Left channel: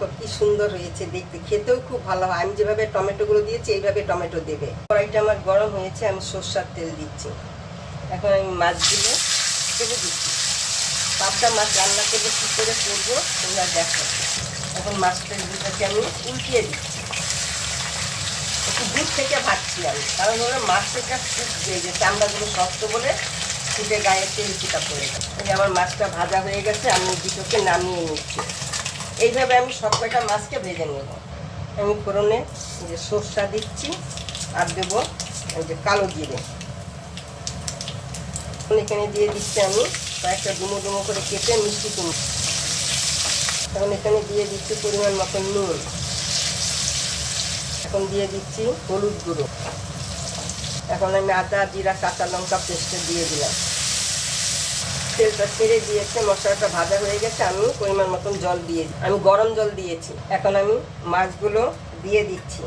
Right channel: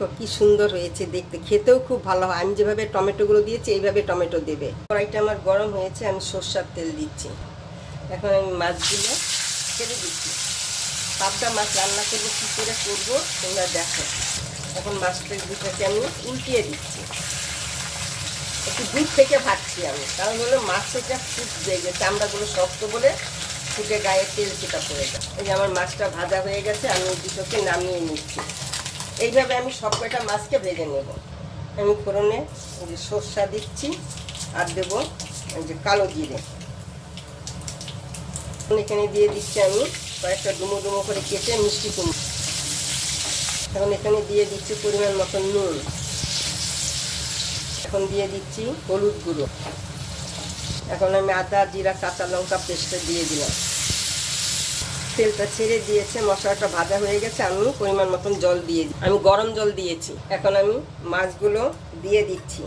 দেখো কি সুন্দর হয়েছে দেখতে, খেতেও খুব ভালো হয়। আমি যেভাবে টমেটোগুলো দিয়েছি এইভাবে টমেটো দেবে। কড়াইটা আমার গরম হয়েছে, আমি সরষের তেল দিচ্ছি। এখন আমি মাছগুলো ছেড়ে দিচ্ছি। 5টা মাছ রান্না করবো, কী করে করবো তোমরা দেখো। এখন মাছটাকে আমি উল্টিয়ে দিচ্ছি, একটু দূর থেকে ভাজছি আমি, কারণ হলো মাছটা ফুটবে, যে চামড়াগুলো শক্ত বলে ফুটে গায়ে তেল চিটা পড়ে যায়। এই যে আমার মাছটা ভাজা হয়ে গেছে, আমি দুটোকে নামিয়ে নিচ্ছি। এইভাবে আমি সব কয়টা মাছকে ভেজে নেব। আমি ফোড়নে যে সরষা দিচ্ছি আর দেবো এই যে কালো জিরে। এখানে দিয়ে দিচ্ছি আমি কয়েকটা ডুমো ডুমো করে কেটে মিষ্টি কুমড়ো। এখন এখানে দিয়ে দিচ্ছি পরিমাণ মতন নুন। এখন দিয়ে দিচ্ছি হলুদ গুঁড়ো। এখন আমি আদা জিরা কাঁচা লঙ্কা পেস্টটা দিয়ে দিলাম। তেলটা ছেড়ে দিয়েছে, মশলাটা ভাজা হয়ে গেছে। আমি পরিমাণ মতন জল দিয়ে আমি গরম জল দিয়েছি। এখন আমি মাছগুলো দিয়ে দিচ্ছি।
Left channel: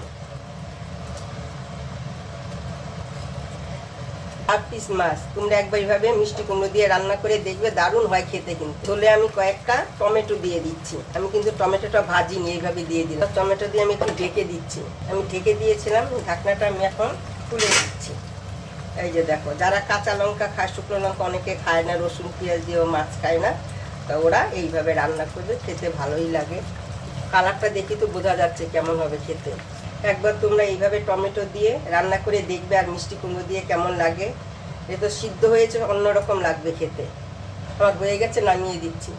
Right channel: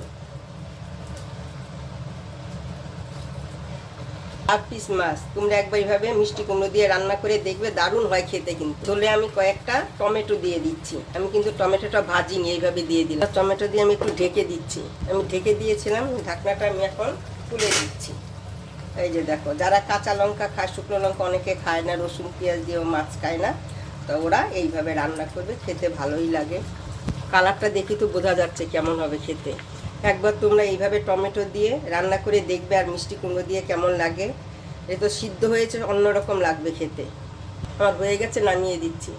8 পিস মাছ। তোমরা একবার এইভাবে মিষ্টি কুমড়ো দিয়ে রান্না করে দেখবে, দারুণ হয় খেতে। কিন্তু চলে আমি কয়েকটা টমেটো দিয়ে দিচ্ছি। আমি কিন্তু টমেটোটা ভাজিনি, এইভাবে দিয়ে দিলাম। টমেটো দিয়ে আমি একটু ঢেকে দিচ্ছি। আমি ঢেকে দিয়েছিলাম, ঢাকনাটা আমি এখন খুলে দিচ্ছি। এই যে দেখো, যারা কাঁচা লঙ্কা খায়, শুকনো লঙ্কা অনেকে খায় না, রসুন পেঁয়াজ দিয়েও মাছ খায় না, তা ওরা এইভাবে রান্না করবে, খেতে ভালোই লাগে। কালারটা দেখি তো বোঝা যাচ্ছে কেমন হবে খেতে। একবার তোমরা এইভাবে টমেটো দিয়ে রান্না করে দেখবে, আর মিষ্টি কুমড়ো দিয়ে কেমন লাগে। এ তো সিদ্ধ হয়েছে, অন্যরকম লাগবে খেতে। আমার হয়ে গেছে, নামিয়ে দিচ্ছি।